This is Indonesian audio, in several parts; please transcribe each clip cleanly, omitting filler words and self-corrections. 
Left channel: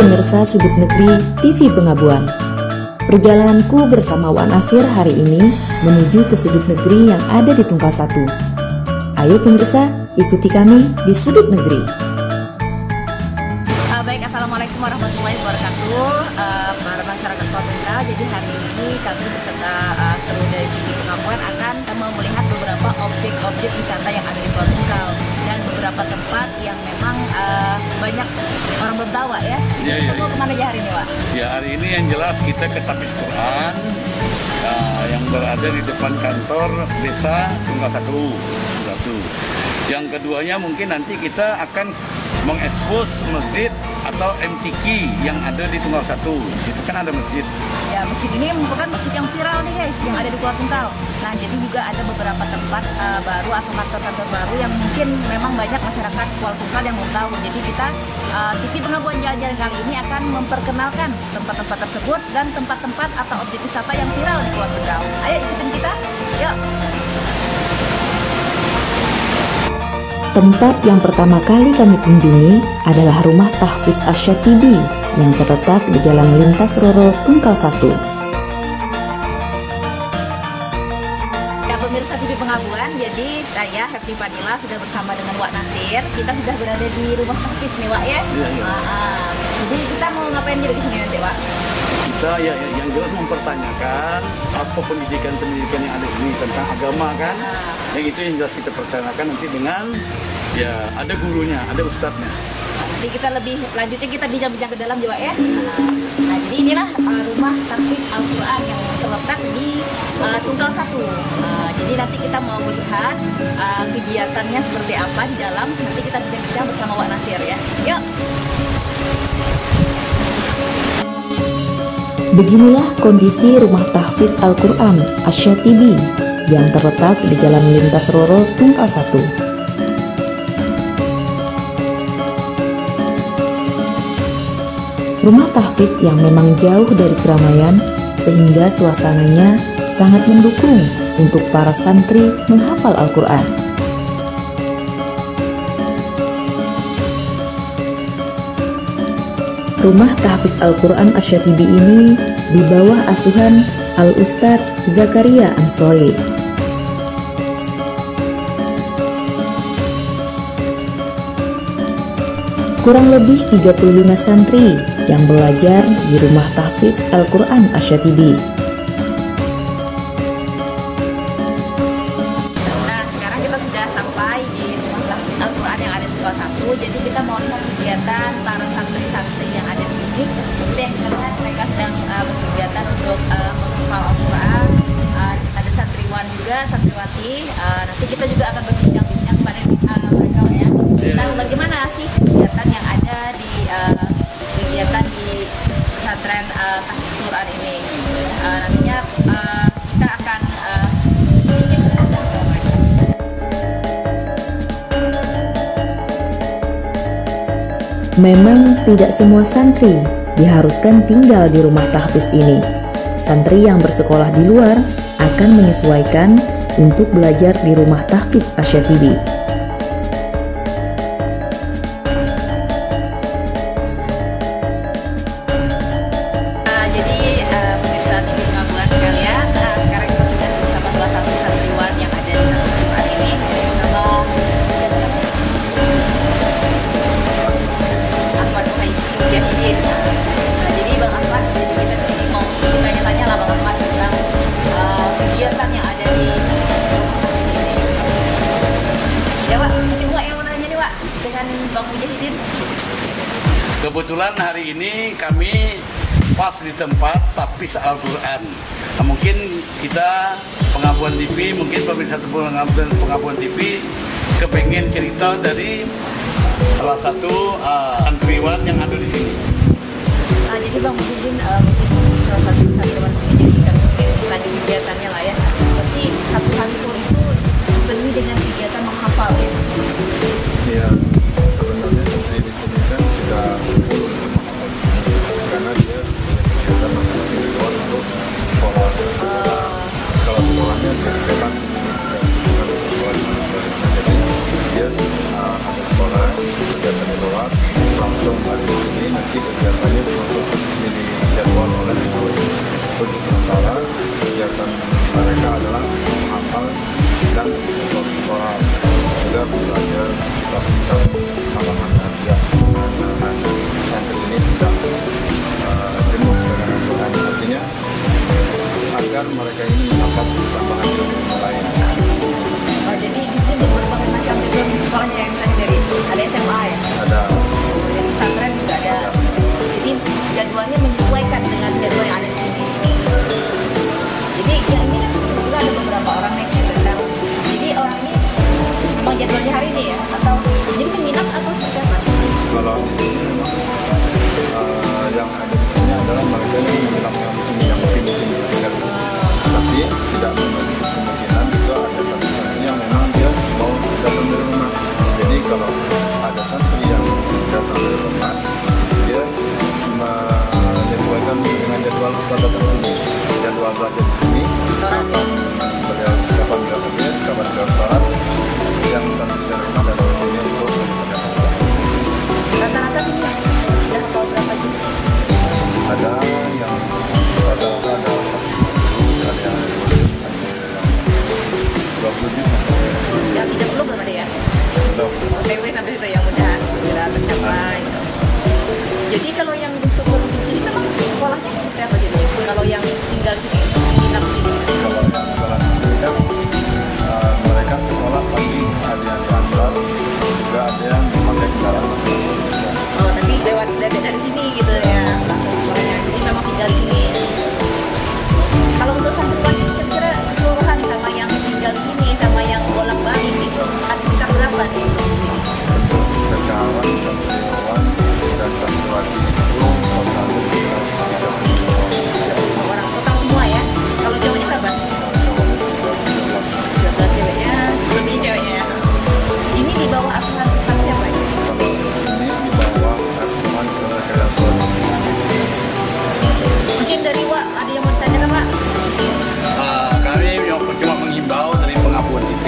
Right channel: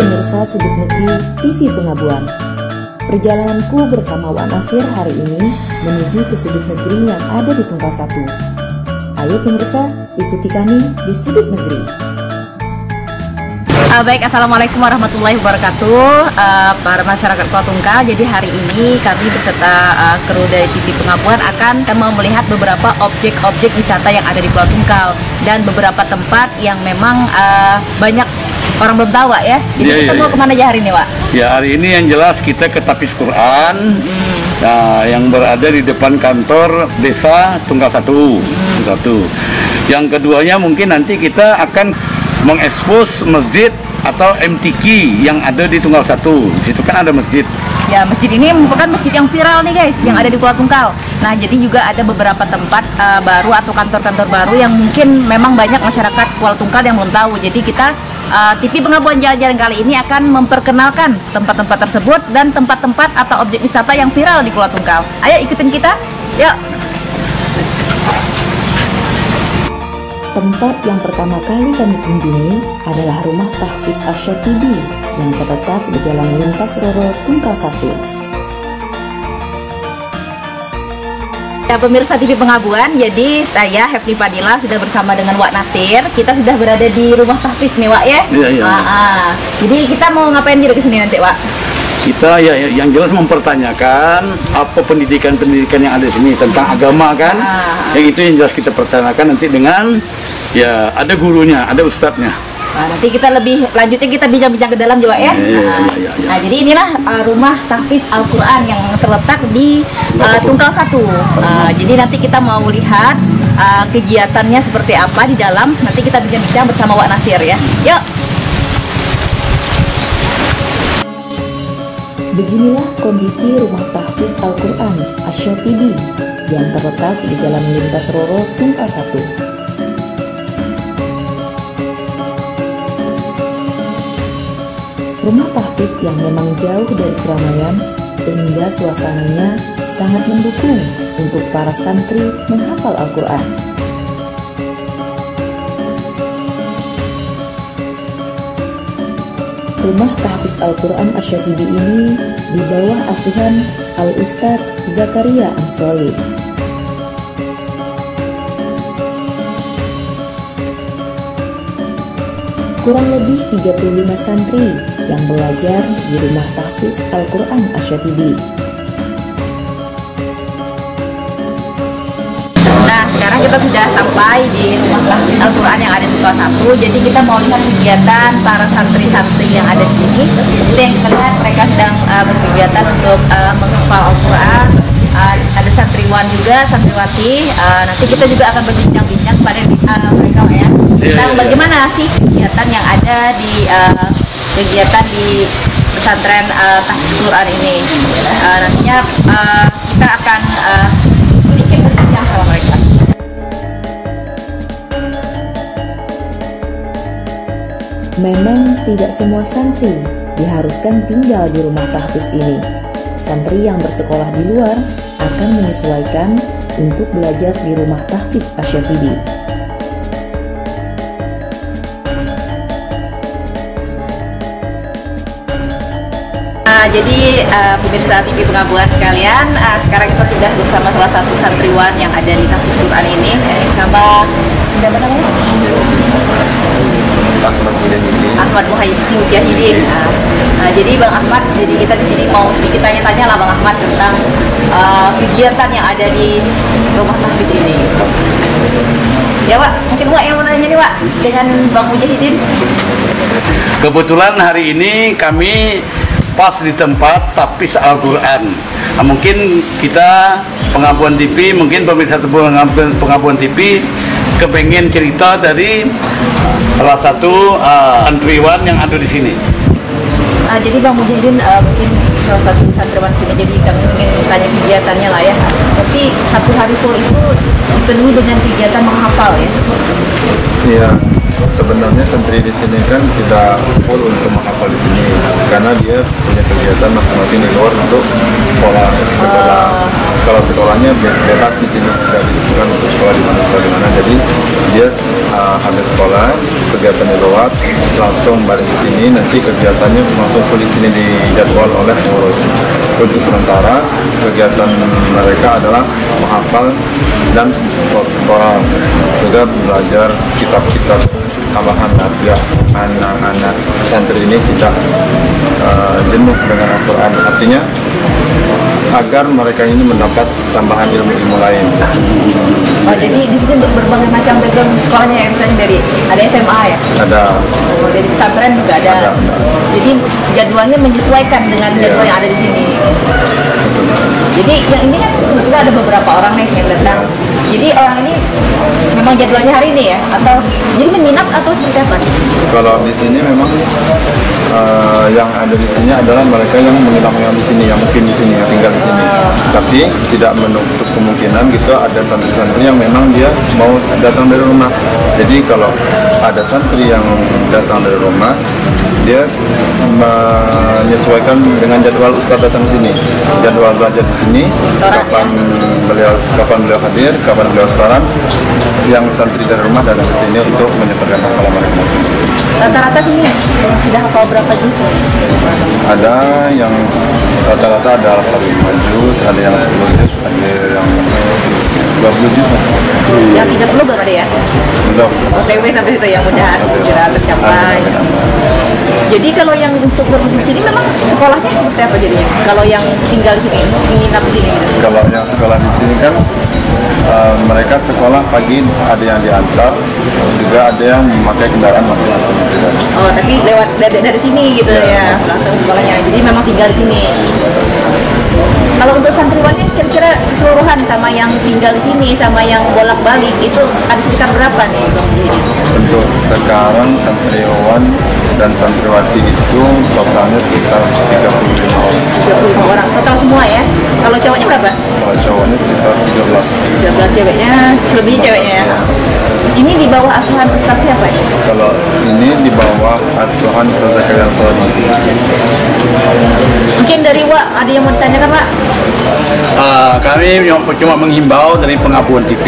pemirsa Sudut Negeri TV Pengabuan. Perjalananku bersama Wak Nasir hari ini menuju ke sudut negeri yang ada di Tungkal Satu. Ayo pemirsa, ikuti kami di Sudut Negeri. Baik, Assalamualaikum warahmatullahi wabarakatuh, para masyarakat Pulau Tungkal. Jadi hari ini kami beserta kru dari TV Pengabuan akan mau melihat beberapa objek-objek wisata yang ada di Pulau Tungkal dan beberapa tempat yang memang banyak orang belum tahu, Wak, ya. Jadi kita mau kemana aja hari ini, Wak? Ya, hari ini yang jelas kita ke Tapis Quran, yang berada di depan kantor desa Tungkal Satu. Yang keduanya mungkin nanti kita akan mengekspos masjid atau MTQ yang ada di Tungkal Satu. Di situ kan ada masjid. Ya, masjid ini merupakan masjid yang viral nih guys, yang ada di Pulau Tungkal. Nah, jadi juga ada beberapa tempat baru atau kantor-kantor baru yang mungkin memang banyak masyarakat Pulau Tungkal yang belum tahu. Jadi kita TV Pengabuan Jalan-Jalan kali ini akan memperkenalkan tempat-tempat tersebut dan tempat-tempat atau objek wisata yang viral di Pulau Tungkal. Ayo ikutin kita, yuk. Tempat yang pertama kali kami kunjungi adalah Rumah Tahfiz Asyatibi yang terletak di Jalan Lintas Roro, Tungkal Satu. Ya, pemirsa TV Pengabuan, jadi saya Hefni Fadila sudah bersama dengan Wak Nasir. Kita sudah berada di Rumah Tahfiz nih, Wak, ya? Iya. Jadi kita mau ngapain dulu di sini nanti, Wak? Kita ya yang jelas mempertanyakan apa pendidikan yang ada di sini tentang agama kan. Yang itu yang jelas kita pertanyakan nanti dengan ya ada gurunya, ada ustadznya. Nah, nanti kita lebih lanjutnya kita bincang-bincang ke dalam juga ya. Nah, jadi inilah Rumah Tahfiz Al-Quran yang terletak di Tungkal Satu. Jadi nanti kita mau lihat kegiatannya seperti apa di dalam. Nanti kita bincang-bincang bersama Wak Nasir ya. Yuk. Beginilah kondisi Rumah Tahfiz Al-Quran Asyatibi yang terletak di Jalan Lintas Roro, Tungkal Satu. Rumah tahfiz yang memang jauh dari keramaian sehingga suasananya sangat mendukung untuk para santri menghafal Al-Quran. Rumah Tahfiz Al-Quran Asyatibi ini di bawah asuhan Al-Ustadz Zakaria Ansori. Kurang lebih 35 santri yang belajar di Rumah Tahfiz Al-Quran Asyatibi. Nah, sekarang kita sudah sampai di Rumah Tahfiz Al-Quran yang ada di Tungkal Satu. Jadi kita mau lihat kegiatan para santri-santri yang ada di sini. Jadi yang kita lihat mereka sedang berkegiatan untuk menghafal Al-Quran. Ada santriwan juga, santriwati. Nanti kita juga akan berbincang-bincang pada mereka ya. Tentang bagaimana sih kegiatan yang ada di kegiatan di pesantren Tahfiz Quran ini. Nantinya kita akan sedikit berbincang sama mereka. Memang tidak semua santri diharuskan tinggal di rumah tahfiz ini. Santri yang bersekolah di luar akan menyesuaikan untuk belajar di Rumah Tahfiz Asyatibi. Jadi pemirsa TV Pengabuan sekalian, sekarang kita sudah bersama salah satu santriwan yang ada di Tahfiz Quran ini. Sama Ahmad Mujahidin. Jadi Bang Ahmad, jadi kita di sini mau sedikit tanya-tanya lah Bang Ahmad tentang kegiatan yang ada di Rumah Tahfiz ini. Ya Wak, mungkin Wak yang mau nanya nih Wak dengan Bang Mujahidin. Kebetulan hari ini kami pas di tempat Tahfiz Al-Quran. Mungkin kita Pengabuan TV, mungkin pemirsa Pengabuan TV kepengen cerita dari salah satu santriwan yang ada di sini. Jadi Bang Mujahidin mungkin salah satu santriwan sini, jadi kami ingin tanya kegiatannya lah ya. Jadi satu hari full itu dipenuhi dengan kegiatan menghafal ya. Iya, sebenarnya santri di sini kan kita kumpul untuk menghafal di sini karena dia punya kegiatan masing-masing di luar untuk sekolah. Kalau sekolahnya bebas di sini bisa dilakukan untuk sekolah di mana. Jadi dia ada sekolah kegiatan di luar lewat langsung balik ke sini, nanti kegiatannya langsung di sini dijadwal oleh pengurus. Untuk sementara kegiatan mereka adalah menghafal dan juga belajar kitab-kitab tambahan agar anak-anak santri ini tidak jenuh dengan Al-Quran. Artinya agar mereka ini mendapat tambahan ilmu lain. Oh, jadi di sini untuk berbagai macam background sekolahnya ya, misalnya dari ada SMA ya? Ada. Oh, dari pesantren juga ada. Jadi jadwalnya menyesuaikan dengan jadwal yang ada di sini. Jadi yang ini kan kita ada beberapa orang nih yang datang. Jadi orang ini memang jadwalnya hari ini ya? Atau jadi minat atau seperti apa? Kalau di sini memang yang ada di sini adalah mereka yang menginap di sini, yang mungkin di sini, yang tinggal di sini. Tapi tidak menutup kemungkinan gitu ada santri-santri yang memang dia mau datang dari rumah. Jadi kalau ada santri yang datang dari rumah, dia menyesuaikan dengan jadwal ustadz datang di sini, jadwal belajar di sini, kapan beliau hadir, kapan beliau sekarang, yang santri dari rumah dan dari sini untuk menyebarkan hafalan mereka. Rata-rata sini sudah hafal berapa juz? Ada yang rata-rata ada 5 juz, ada yang 10 juz, ada yang 20 juz. Yang tidak perlu berapa dia? Belum. OTW sampai situ yang mudah segera tercapai. Jadi kalau yang untuk di sini memang sekolahnya seperti apa jadinya? Kalau yang tinggal di sini, menginap di sini? Kalau yang sekolah di sini kan mereka sekolah pagi ada yang diantar, juga ada yang memakai kendaraan masuk. Oh, tapi lewat dari sini gitu ya, langsung sekolahnya. Jadi memang tinggal di sini. Kalau untuk santriwannya kira-kira keseluruhan sama yang tinggal di sini sama yang bolak-balik itu ada sekitar berapa nih? Untuk sekarang santriwan dan santriwati itu totalnya sekitar 35 orang. 35 orang total semua ya. Kalau cowoknya berapa? Kalau cowoknya sekitar 13 ceweknya, lebih ceweknya ya. Ini di bawah asuhan Ustaz siapa ya? Kalau ini di bawah asuhan Ustaz Zakaria Al-Sawadi. Mungkin dari Wak, ada yang mau ditanyakan Pak? Kami cuma menghimbau dari Pengabuan TV,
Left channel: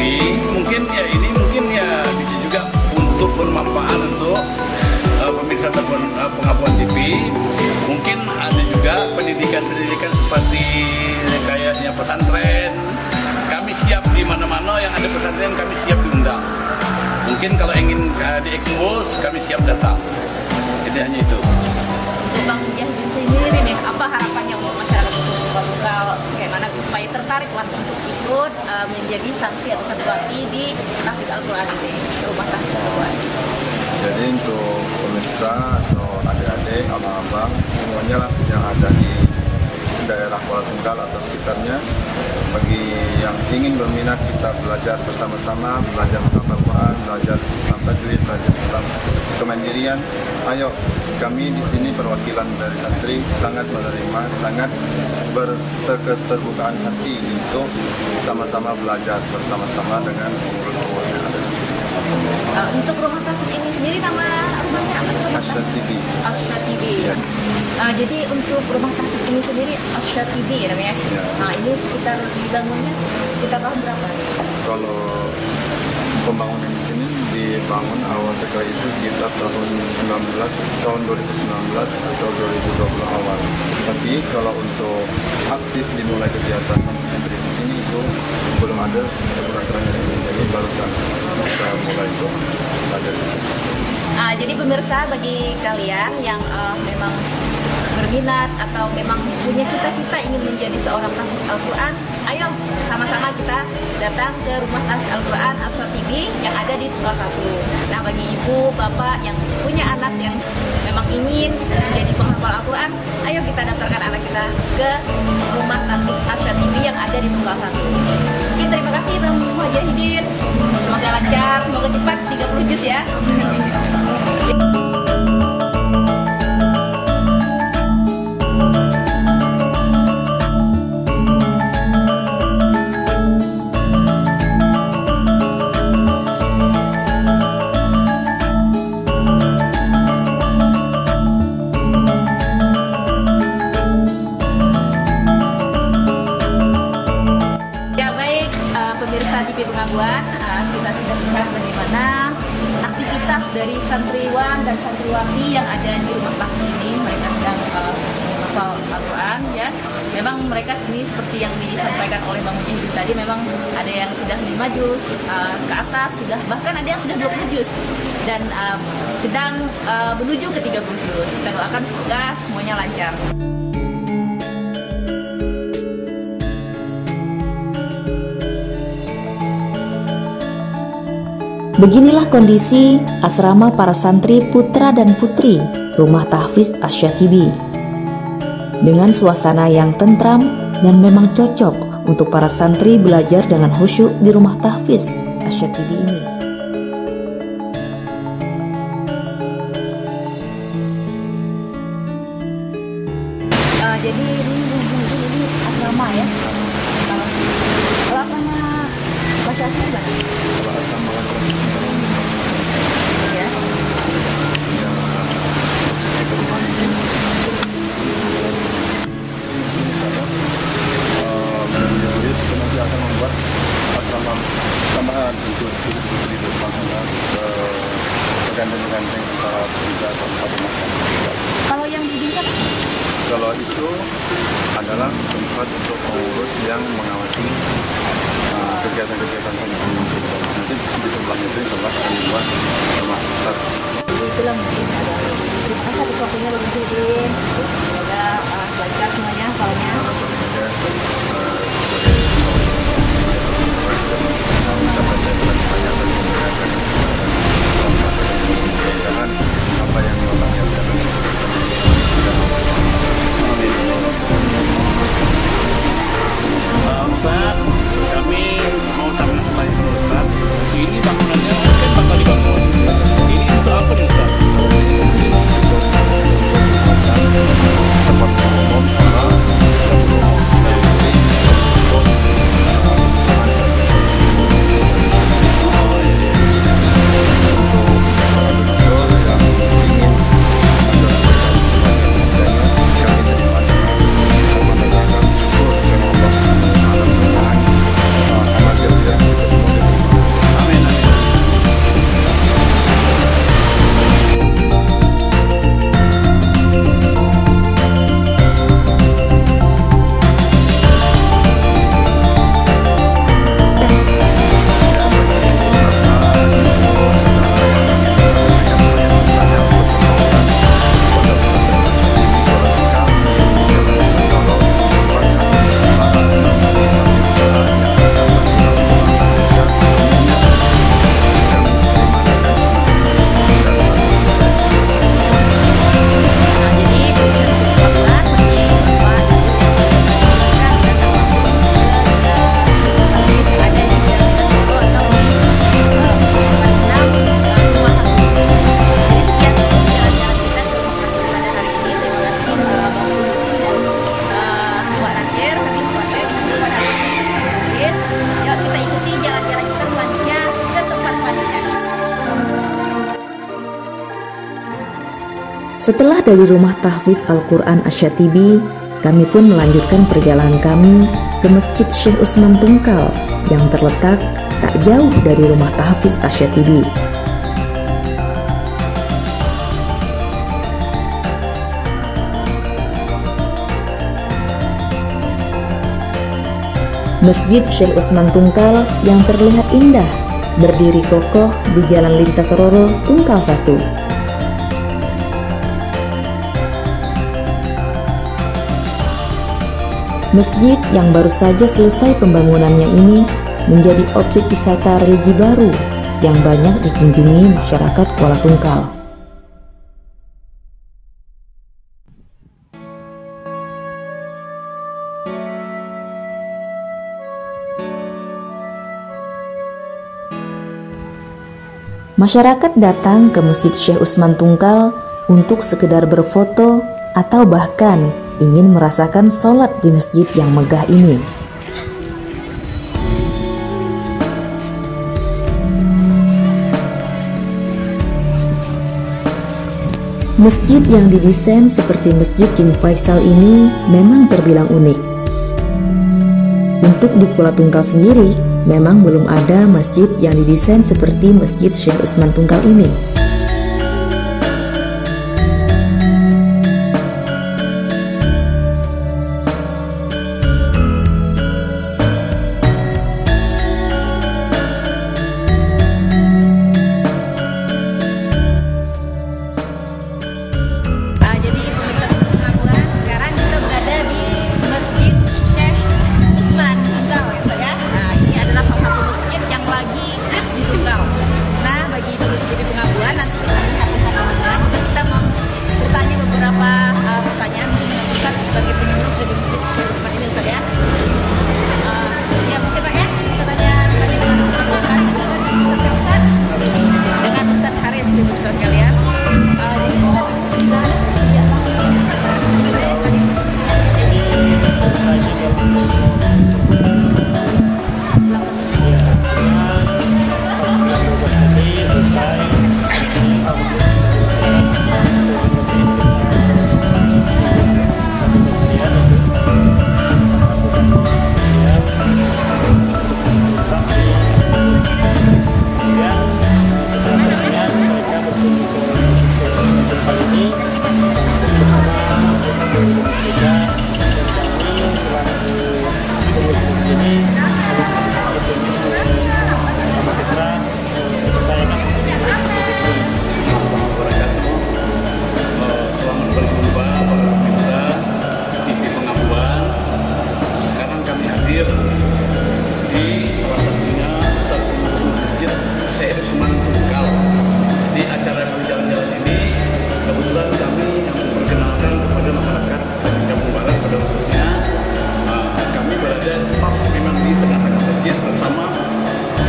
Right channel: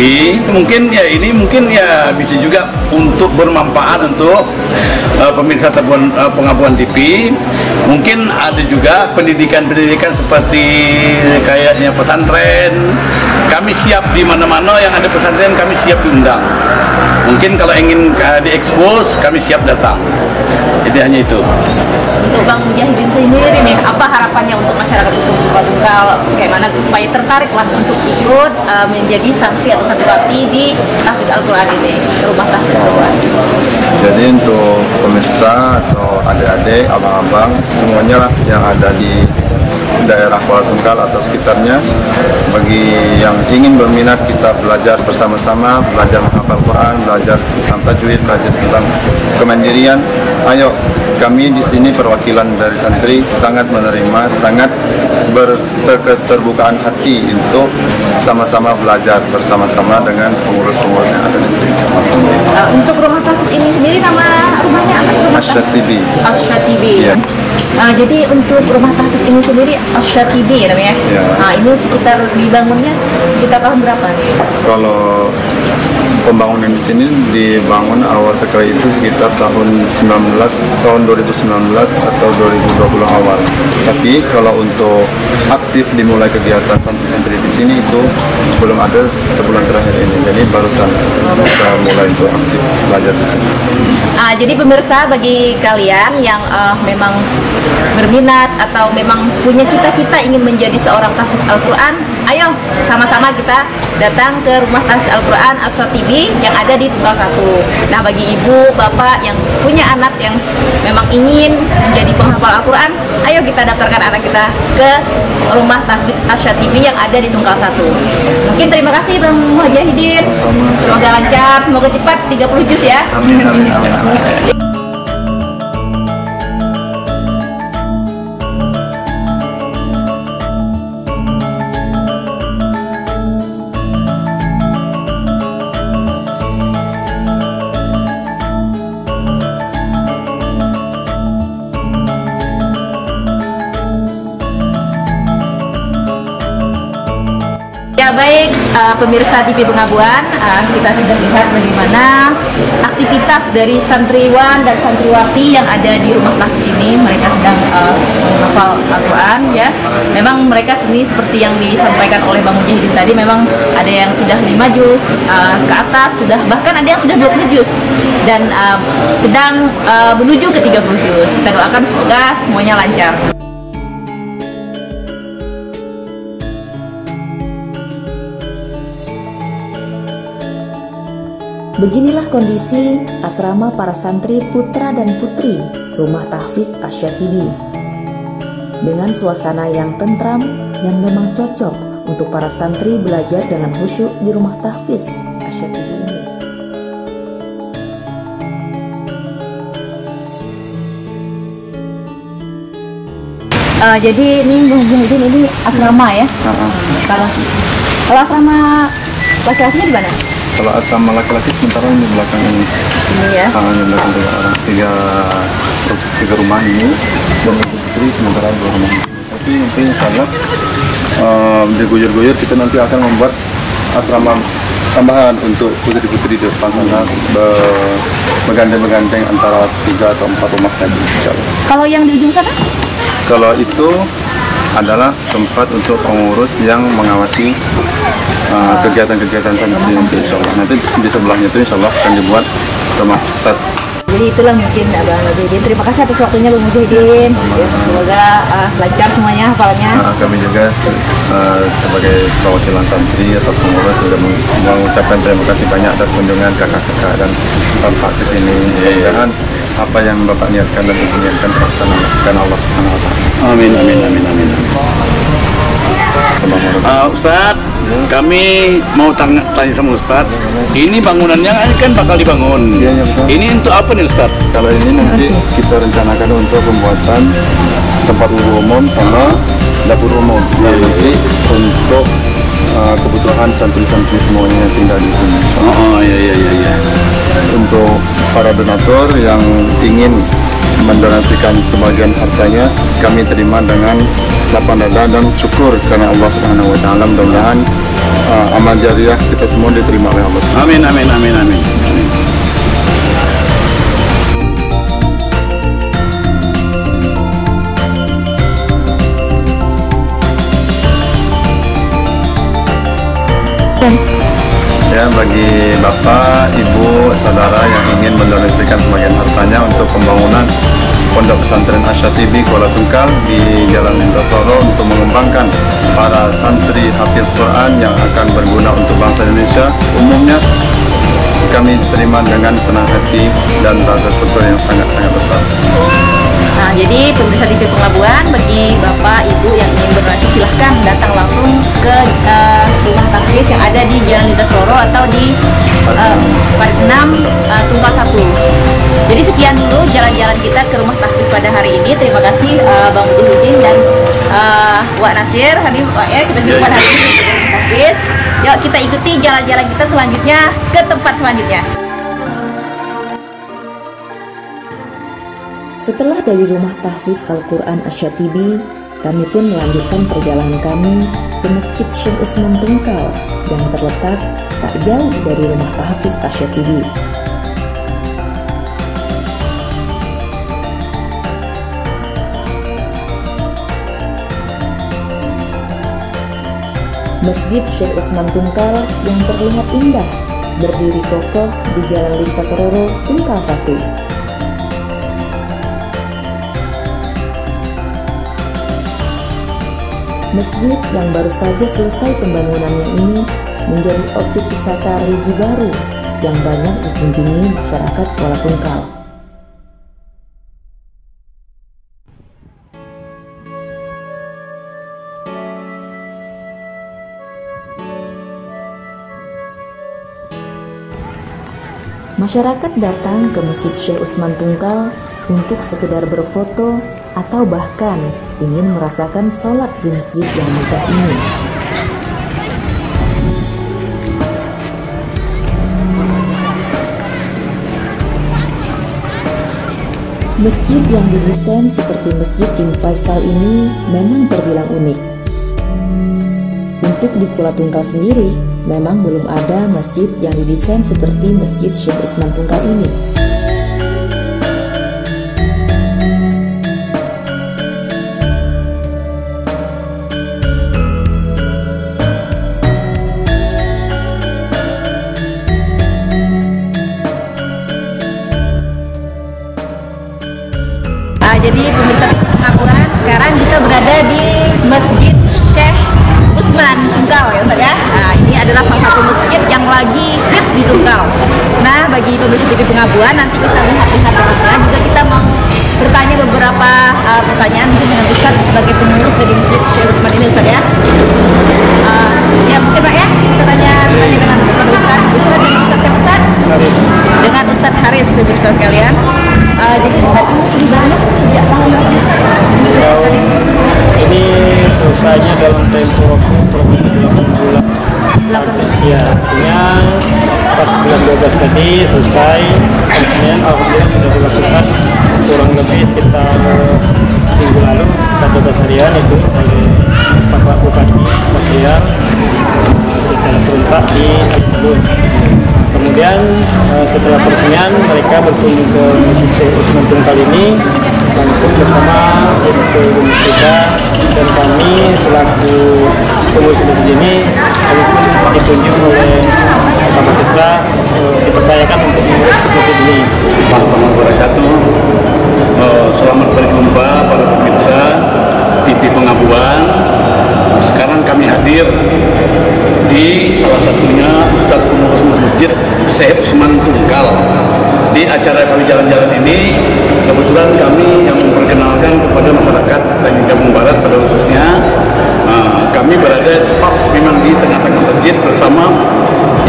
mungkin ya ini mungkin ya bisa juga untuk bermanfaat untuk pemirsa Pengabuan TV. Mungkin ada juga pendidikan-pendidikan seperti kayaknya pesantren. Kami siap di mana-mana yang ada pesantren, kami siap diundang. Mungkin kalau ingin diekspos, kami siap datang. Jadi hanya itu. Untuk Bang Mujahidin sendiri nih, apa harapannya untuk masyarakat untuk Tunggal, kayak mana supaya tertarik lah untuk ikut menjadi santri atau santriwati di Tahfiz Al-Quran ini, rumah Tahfiz Al-Quran. Jadi untuk pemirsa atau adik-adik, abang-abang, semuanya lah yang ada di daerah Kuala Tunggal atau sekitarnya, bagi yang ingin berminat kita belajar bersama-sama, belajar menghafal Quran, belajar tentang tajwid, belajar tentang kemandirian. Ayo, kami di sini perwakilan dari santri sangat menerima, sangat berterbukaan hati untuk sama-sama belajar bersama-sama dengan pengurus-pengurus yang ada di sini. Untuk rumah Tahfiz ini sendiri nama rumahnya apa? Asyatibi. Asyatibi. Ya. Jadi untuk rumah Tahfiz ini sendiri Asyatibi namanya. Ya. Ini sekitar dibangunnya sekitar tahun berapa nih? Kalau pembangunan di sini dibangun awal sekali itu sekitar tahun 2019 atau 2020 awal. Tapi kalau untuk aktif dimulai kegiatan santri-santri di sini itu belum ada sebulan terakhir ini. Jadi barusan kita mulai untuk aktif belajar di sini. Jadi pemirsa, bagi kalian yang memang berminat atau memang punya cita-cita ingin menjadi seorang tahfiz Al-Quran, ayo sama-sama kita datang ke rumah tahfiz Al-Quran Asyatibi yang ada di Tunggal 1. Nah, bagi ibu, bapak yang punya anak yang memang ingin menjadi penghafal Al-Quran, ayo kita daftarkan anak kita ke rumah tahfiz Asyatibi yang ada di Tunggal 1. Mungkin terima kasih Bang Mujahidin. Semoga lancar, semoga cepat 30 juz ya. pemirsa TV Pengabuan, kita sudah lihat bagaimana aktivitas dari santriwan dan santriwati yang ada di rumah tahfiz ini. Mereka sedang menghafal Al-Quran ya. Memang mereka seni seperti yang disampaikan oleh Bang Mujahidin tadi, memang ada yang sudah 5 juz ke atas, bahkan ada yang sudah 20 juz dan sedang menuju ke 30 juz. Kita doakan semoga semuanya lancar. Beginilah kondisi asrama para santri putra dan putri Rumah Tahfiz Asyatibi. Dengan suasana yang tentram dan memang cocok untuk para santri belajar dengan khusyuk di Rumah Tahfiz Asyatibi ini. Jadi ini asrama ya. Kalau asrama laki-lakinya di mana? Kalau asrama laki-laki sementara ini belakang ini. Iya. Tiga rumah ini dan istri sementara 2 rumah. Tapi mungkin insyaallah diguyur-guyur kita nanti akan membuat asrama tambahan untuk putri-putri di depan sana, bergandeng-gandeng antara 3 atau 4 rumah tadi insyaallah. Kalau yang di ujung sana? Kalau itu adalah tempat untuk pengurus yang mengawasi kegiatan-kegiatan santri nanti insyaallah. Nanti di sebelahnya itu insyaallah akan dibuat rumah staf. Jadi itulah mungkin Bang Mujahidin. Terima kasih atas waktunya Bang Mujahidin. Semoga lancar semuanya hafalnya. Kami juga sebagai perwakilan santri atau pengurus sudah mengucapkan terima kasih banyak atas kunjungan kakak-kakak dan bapak ke sini. Mudah-mudahan apa yang bapak niatkan dan niatkan terlaksana Allah. Amin, amin, amin, amin. Ustaz, kami mau tanya sama Ustaz. Ini bangunannya kan bakal dibangun. Ini untuk apa nih Ustaz? Kalau ini nanti kita rencanakan untuk pembuatan tempat umum sama dapur umum. Yang nanti untuk kebutuhan santri-santri semuanya yang tinggal di sini. Oh iya. Untuk para donatur yang ingin mendonasikan sebagian hartanya, kami terima dengan lapang dada dan syukur karena Allah Subhanahu wa taala. Mudah-mudahan amal jariah kita semua diterima oleh Allah. Amin, amin, amin, amin. Ya, bagi Bapak, Ibu, saudara yang ingin mendonasikan sebagian hartanya untuk pembangunan Pondok Pesantren Asyatibi Kuala Tungkal di Jalan Solo untuk mengembangkan para santri hafiz Quran yang akan berguna untuk bangsa Indonesia umumnya, kami terima dengan senang hati dan rasa syukur yang sangat-sangat besar. Nah, jadi pemirsa TV Pengabuan, bagi Bapak Ibu yang ingin berbagi silahkan datang langsung ke rumah tahfiz yang ada di Jalan Lintas Solo atau di Parit 6 Rumah 1. Jadi sekian dulu jalan-jalan kita ke rumah tahfiz pada hari ini. Terima kasih Bang Mujahidin dan Wak Nasir. Hadir Wak ya, kita jumpa hari ini. Tahfiz. Yuk kita ikuti jalan-jalan kita selanjutnya ke tempat selanjutnya. Setelah dari Rumah Tahfiz Al-Quran Asyatibi, kami pun melanjutkan perjalanan kami ke Masjid Syekh Usman Tungkal yang terletak tak jauh dari Rumah Tahfiz Asyatibi. Masjid Syekh Usman Tungkal yang terlihat indah berdiri kokoh di Jalan Lintas Roro Tungkal 1. Masjid yang baru saja selesai pembangunannya ini menjadi objek wisata religi baru yang banyak dikunjungi masyarakat Kuala Tungkal. Masyarakat datang ke Masjid Syekh Usman Tungkal untuk sekedar berfoto atau bahkan ingin merasakan sholat di masjid yang megah ini. Masjid yang didesain seperti Masjid King Faisal ini memang terbilang unik. Untuk di Kuala Tungkal sendiri, memang belum ada masjid yang didesain seperti Masjid Syekh Usman Tungkal ini. Jadi pemirsa pengakuan sekarang kita berada di Masjid Syekh Usman Tungkal ya Ustaz ya. Nah, ini adalah salah satu masjid yang lagi hits di Tungkal. Nah, bagi pemirsa TV Pengabuan nanti kita lihat di sana juga kita mau bertanya beberapa pertanyaan dengan Ustaz sebagai pengurus dari Masjid Syekh Usman ini Ustaz ya. Ya mungkin Pak ya, kita tanya dengan Ustaz. Dengan Ustaz Haris pemirsa sekalian. Jadi Ustaz ini banyak sejak tahun ini selesainya dalam tempo bulan. Ya, pas bulan 12 tadi selesai. Kemudian alhamdulillah sudah dilakukan kurang lebih sekitar minggu lalu 12 harian itu Pak Bupati kemudian terletak di Ubud. Kemudian setelah peresmian mereka berkunjung ke Masjid Usman Tungkal ini langsung bersama Ibu kita dan kami selaku pengurus di sini ditunjuk oleh Bapak Kesra dipercayakan untuk mengurus masjid ini. Assalamualaikum warahmatullahi wabarakatuh. Selamat berjumpa para pemirsa TV Pengabuan. Sekarang kami hadir di salah satunya Ustadz Pengurus Masjid Syekh Usman Tungkal. Di acara kami jalan-jalan ini, kebetulan kami yang memperkenalkan kepada masyarakat dan Kampung Barat pada khususnya, kami berada pas memang di tengah-tengah masjid bersama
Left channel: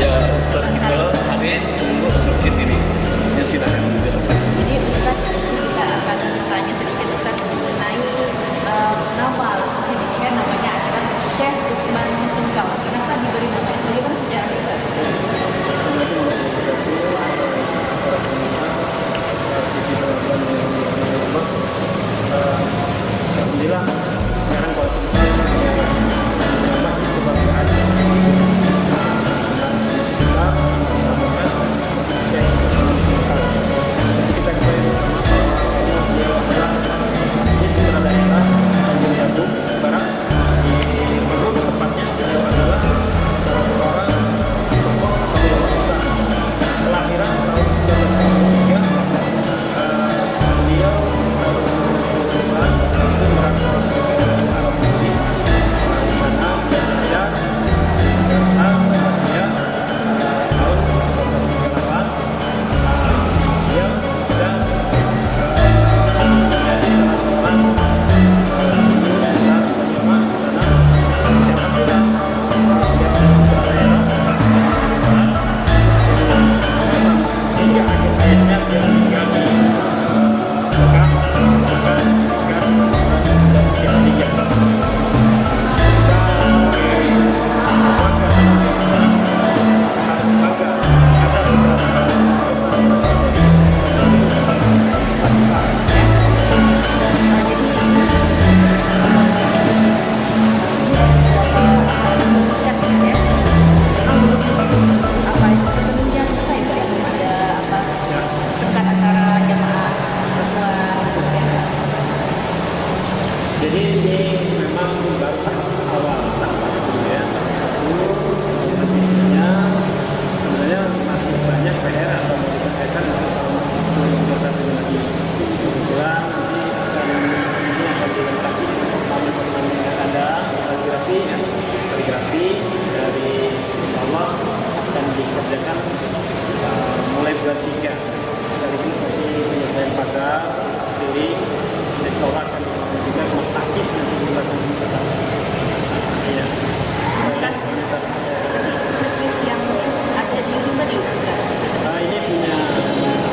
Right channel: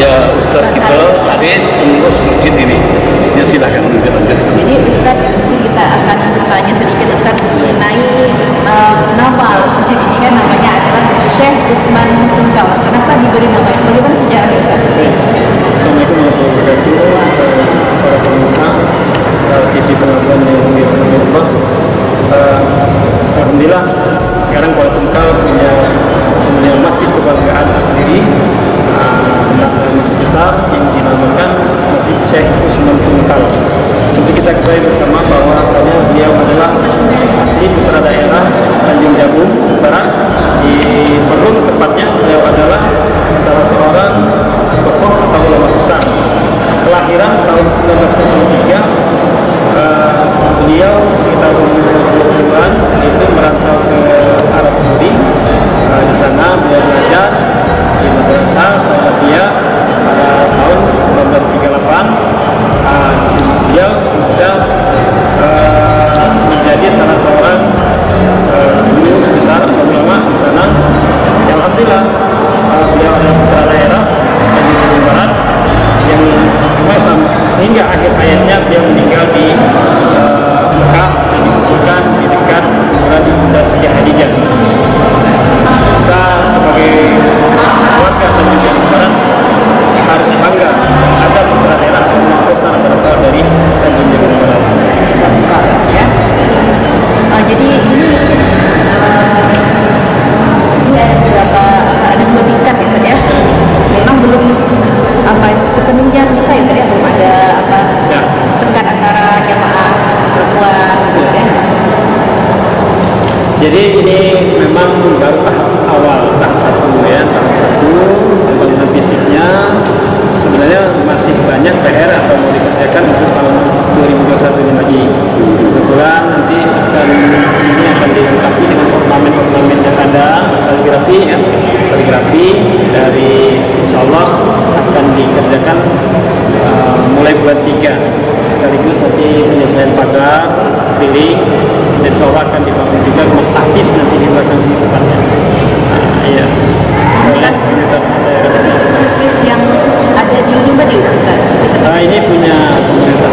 ya Ustadz kita Haris pengurus masjid ini. Ya silakan. Jadi Ustaz, kita akan bertanya sedikit Ustaz mengenai nama masjid ini kan namanya adalah Syekh Usman Tungkal. Kenapa diberi nama itu? Bagaimana sejarahnya Ustaz? Assalamualaikum warahmatullahi wabarakatuh. Para pemirsa TV Pengabuan yang dirahmati Allah. Alhamdulillah sekarang Kuala Tungkal punya masjid kebanggaan sendiri. Masjid besar yang dinamakan Masjid Syekh Usman Tungkal. Seperti kita ketahui bersama bahwasanya beliau adalah asli putra daerah Tanjung Jabung Barat di Perung, tepatnya beliau adalah salah seorang tokoh atau ulama besar. Kelahiran tahun 1903, beliau sekitar umur 20-an itu merantau ke Arab Saudi. Di sana beliau belajar di madrasah Salafiyah pada tahun 1938. Beliau sudah menjadi salah seorang guru besar atau ulama di sana. Alhamdulillah beliau adalah putra daerah Tanjung Barat yang hingga akhir hayatnya beliau meninggal di Mekah dan dikuburkan di dekat kuburan Siti Khadijah. Kita sebagai warga Tanjung Barat harus bangga ada putra daerah besar berasal dari Tanjung Barat. Jadi ada dua tingkat ya Ustaz ya. Memang belum sepenuhnya selesai Ustaz ya, belum ada sekat antara jamaah perempuan ya. Jadi ini memang baru tahap awal, tahap satu ya, tahap satu pembangunan fisiknya sebenarnya masih banyak PR atau mau dikerjakan untuk tahun 2021 ini lagi. Kebetulan nanti ini akan dilengkapi dengan ornamen-ornamen yang ada, kaligrafi ya, kaligrafi dari insya Allah akan dikerjakan mulai bulan 3. Sekaligus nanti penyelesaian pagar, pilih, dan insya Allah akan dibangun juga rumah tahfiz nanti di belakang sini tempatnya. Iya. Lukis yang ada di Limba di Ustaz. Ini punya pemerintah.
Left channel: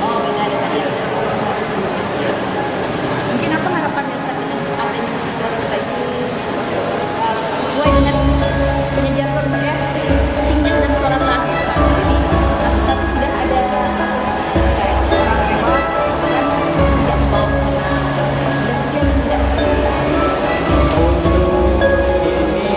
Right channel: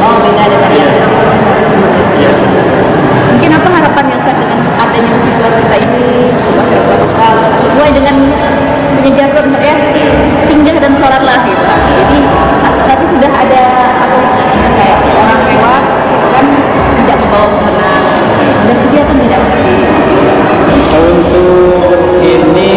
Oh, beda dengan yang Ya. mungkin apa harapannya Ustaz dengan adanya masjid kita ini masyarakat lokal sesuai dengan punya jargon Ustaz ya, singgah dan sholat lah gitu. Jadi tapi sudah ada apa kayak orang lewat gitu kan tidak membawa mukena sudah sediakan tidak? Untuk ini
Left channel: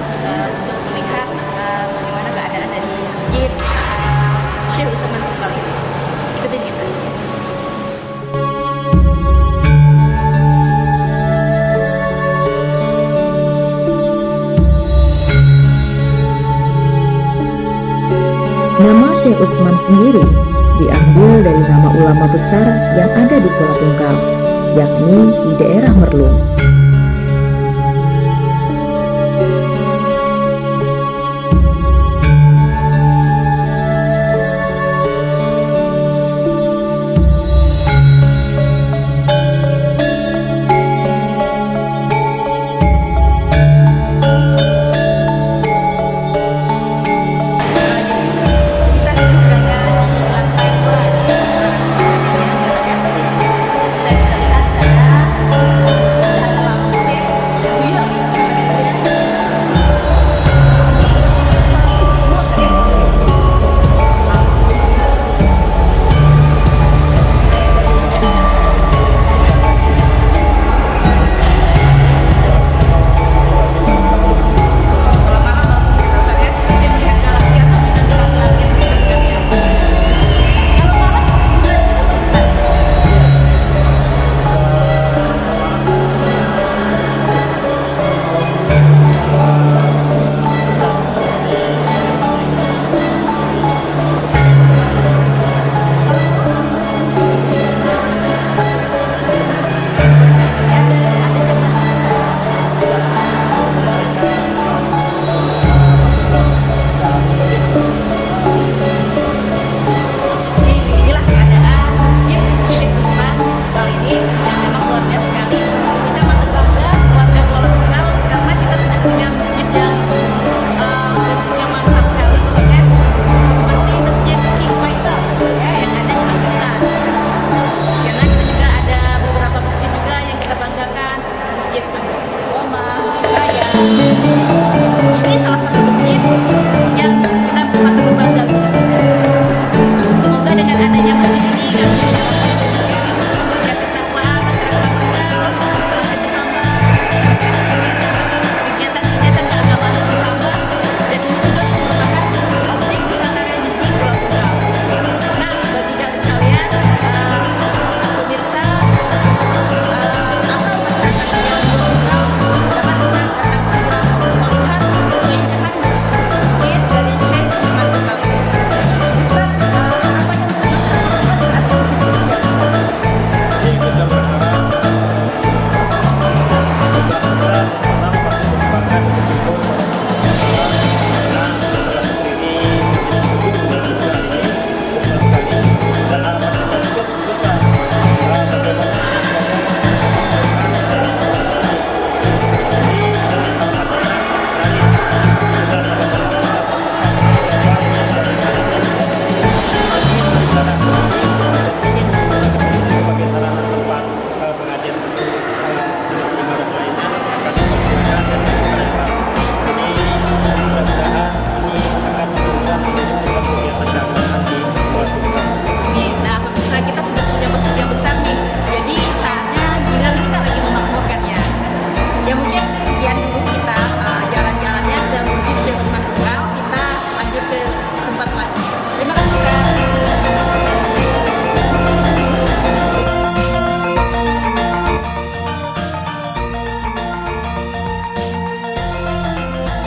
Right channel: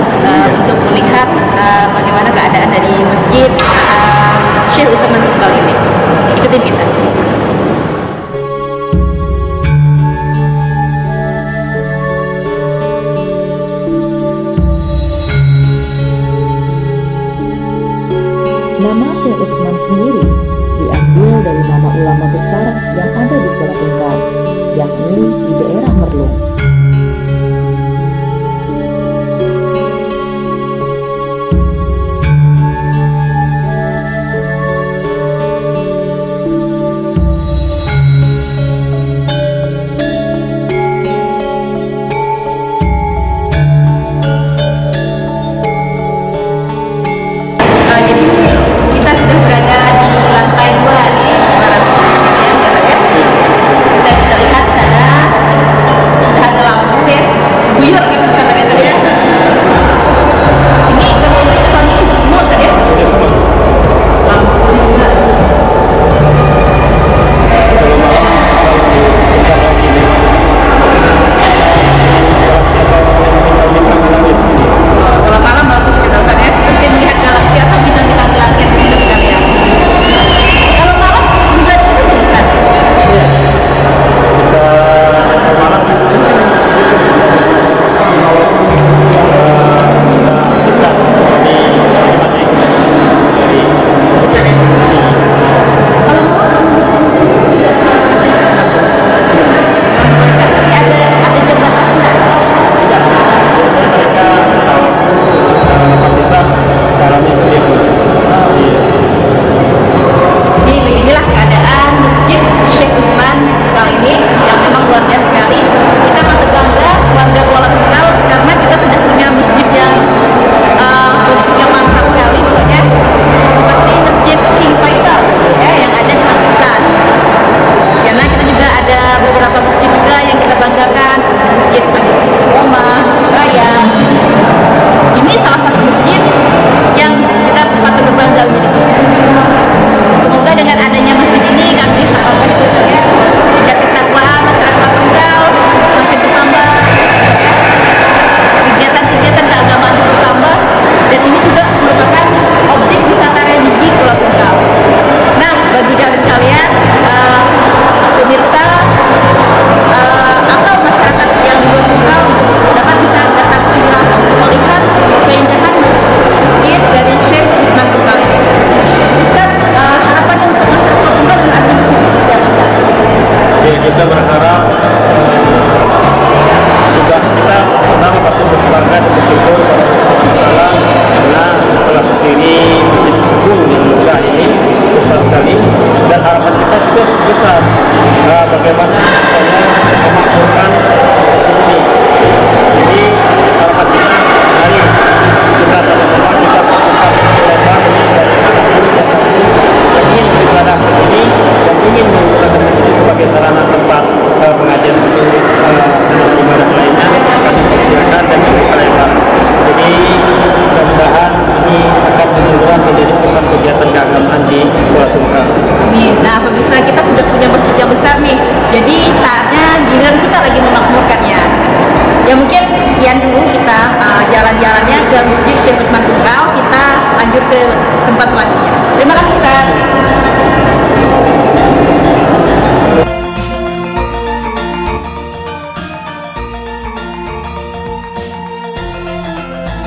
untuk melihat bagaimana keadaan dari Masjid Syekh Utsman Tunggal ini. Ikutin kita. Nama Syekh Utsman sendiri diambil dari nama ulama besar yang ada di Kuala Tunggal, yakni di daerah Merlung.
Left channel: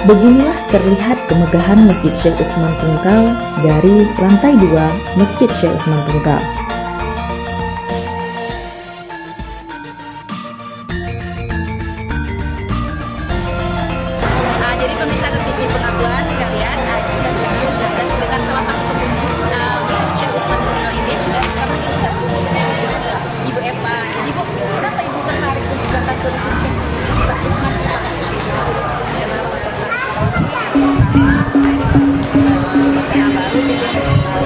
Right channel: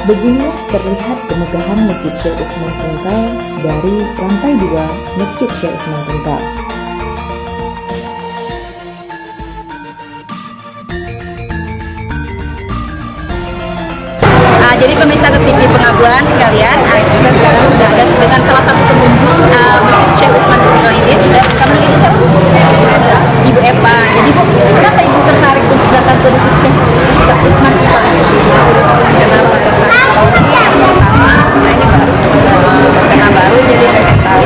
Beginilah terlihat kemegahan Masjid Syekh Utsman Tunggal dari lantai 2 Masjid Syekh Utsman Tunggal. Jadi pemirsa TV Pengabuan sekalian, kita sekarang sudah ada dengan salah satu pengunjung Masjid Syekh Utsman Tunggal ini. Sudah kami ini satu Ibu Eva. Jadi Bu, kenapa Ibu tertarik untuk datang ke Masjid Syekh Utsman Tunggal? Kenapa? Nah ini baru jadi saya tahu.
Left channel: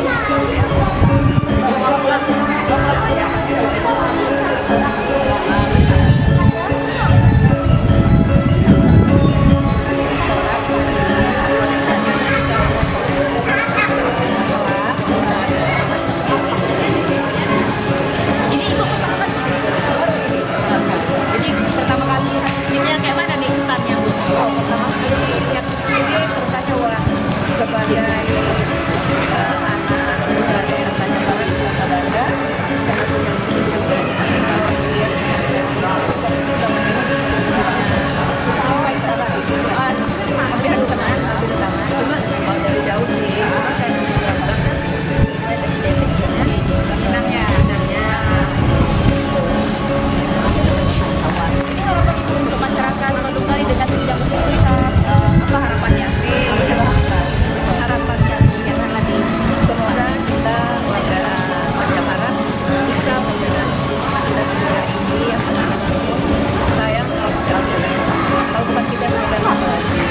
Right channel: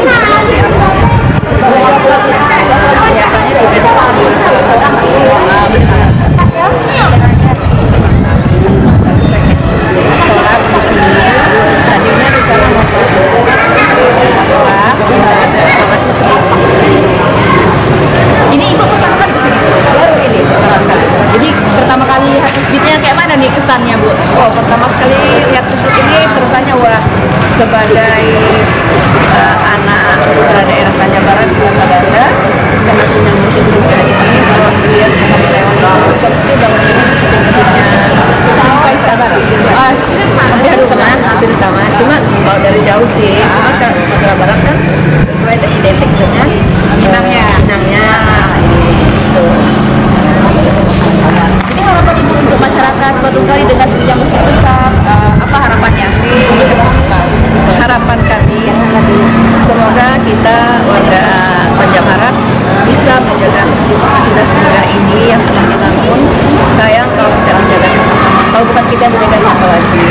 Ini Ibu pertama baru ini. Jadi pertama kali masjidnya kayak mana nih kesannya Bu? Oh pertama sekali lihat hampir sama, cuma kalau dari jauh sih, kalau Sumatera Barat kan sesuai dengan identik dengan Minangnya. Ini harapan Ibu untuk masyarakat Kota Tunggal dengan yang masjid besar, apa harapannya? Harapan kami semoga kita warga Banjarbarat bisa menjaga sudah ini yang telah kita bangun. Sayang kalau kita menjaga sama-sama, kalau bukan kita menjaga siapa lagi.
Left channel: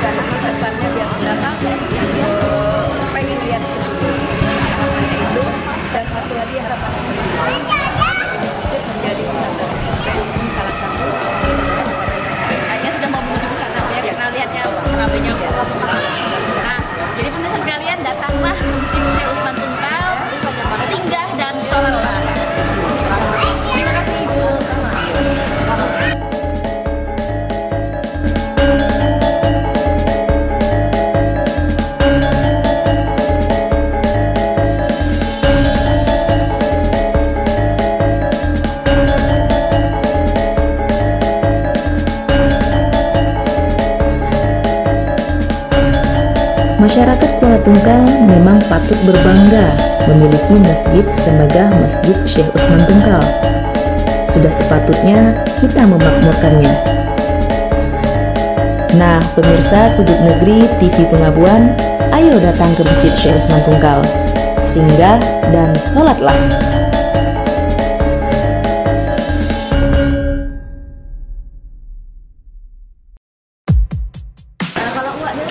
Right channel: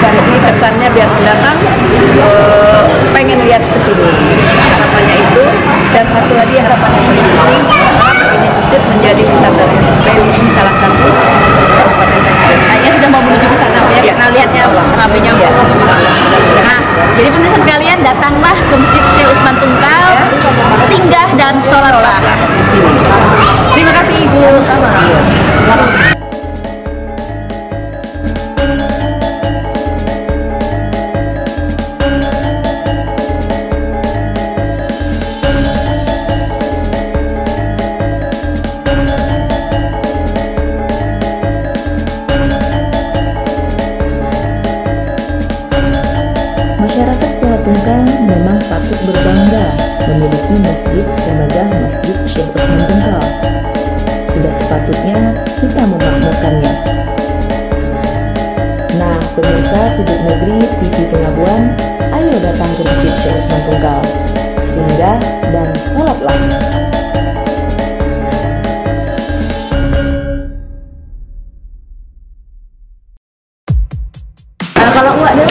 Jadi kesannya biar datang pengen lihat ke sini. Harapannya itu, dan satu lagi harapan yang paling penting, ini masjid menjadi wisata religius salah satu kabupaten Tangerang. Kayaknya sudah mau menuju ke sana ya, karena lihatnya ramainya. Nah, jadi pemirsa sekalian, datanglah ke Masjid Syekh Usman Tunggal, singgah dan sholatlah di sini. Terima kasih Ibu. Masyarakat Kuala Tunggal memang patut berbangga memiliki masjid semegah Masjid Syekh Usman Tunggal. Sudah sepatutnya kita memakmurkannya. Nah, pemirsa Sudut Negeri TV Pengabuan, ayo datang ke Masjid Syekh Usman Tunggal. Singgah dan sholatlah. Kalau Uwak deh,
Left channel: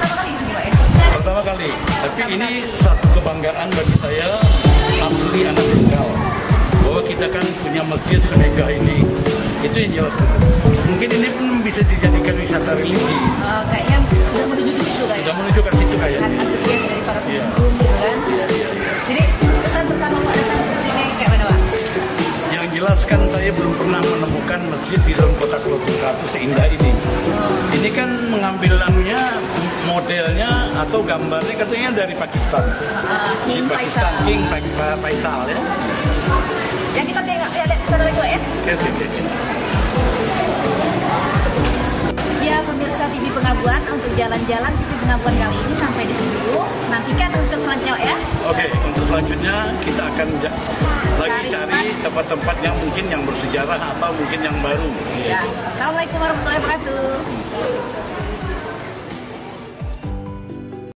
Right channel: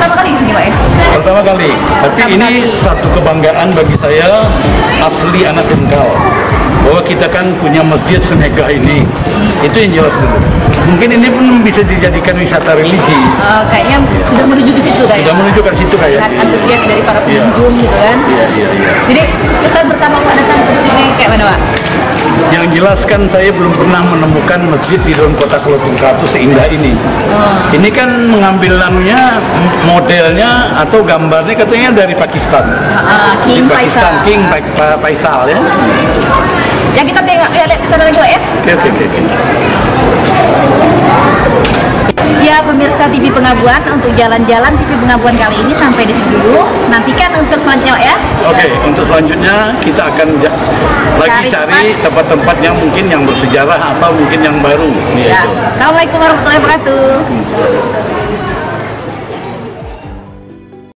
pertama kali di sini Pak ya? Pertama kali, tapi ini satu kebanggaan bagi saya, asli anak Tunggal, bahwa kita kan punya masjid semegah ini. Itu yang jelas dulu. Mungkin ini pun bisa dijadikan wisata religi. Kayaknya sudah menuju ke situ kayaknya. Sudah menuju ke situ kayaknya. Antusias dari para pengunjung gitu kan. Iya. Jadi kesan pertama Uwak datang ke sini kayak mana Pak? Yang jelas kan saya belum pernah menemukan masjid di dalam kota Kuala Tunggal itu seindah ini. Ini kan mengambil namanya, modelnya atau gambarnya katanya dari Pakistan. King Di Pakistan, Faisal. King Faisal ya. Yang kita tengok ya, lihat kesana lagi Pak ya. Oke. Ya pemirsa TV Pengabuan, untuk jalan-jalan TV Pengabuan kali ini sampai di situ dulu. Nantikan untuk selanjutnya Pak ya. Oke, untuk selanjutnya kita akan lagi Cari cari tempat-tempat yang mungkin yang bersejarah atau mungkin yang baru. Ya. Assalamualaikum warahmatullahi wabarakatuh.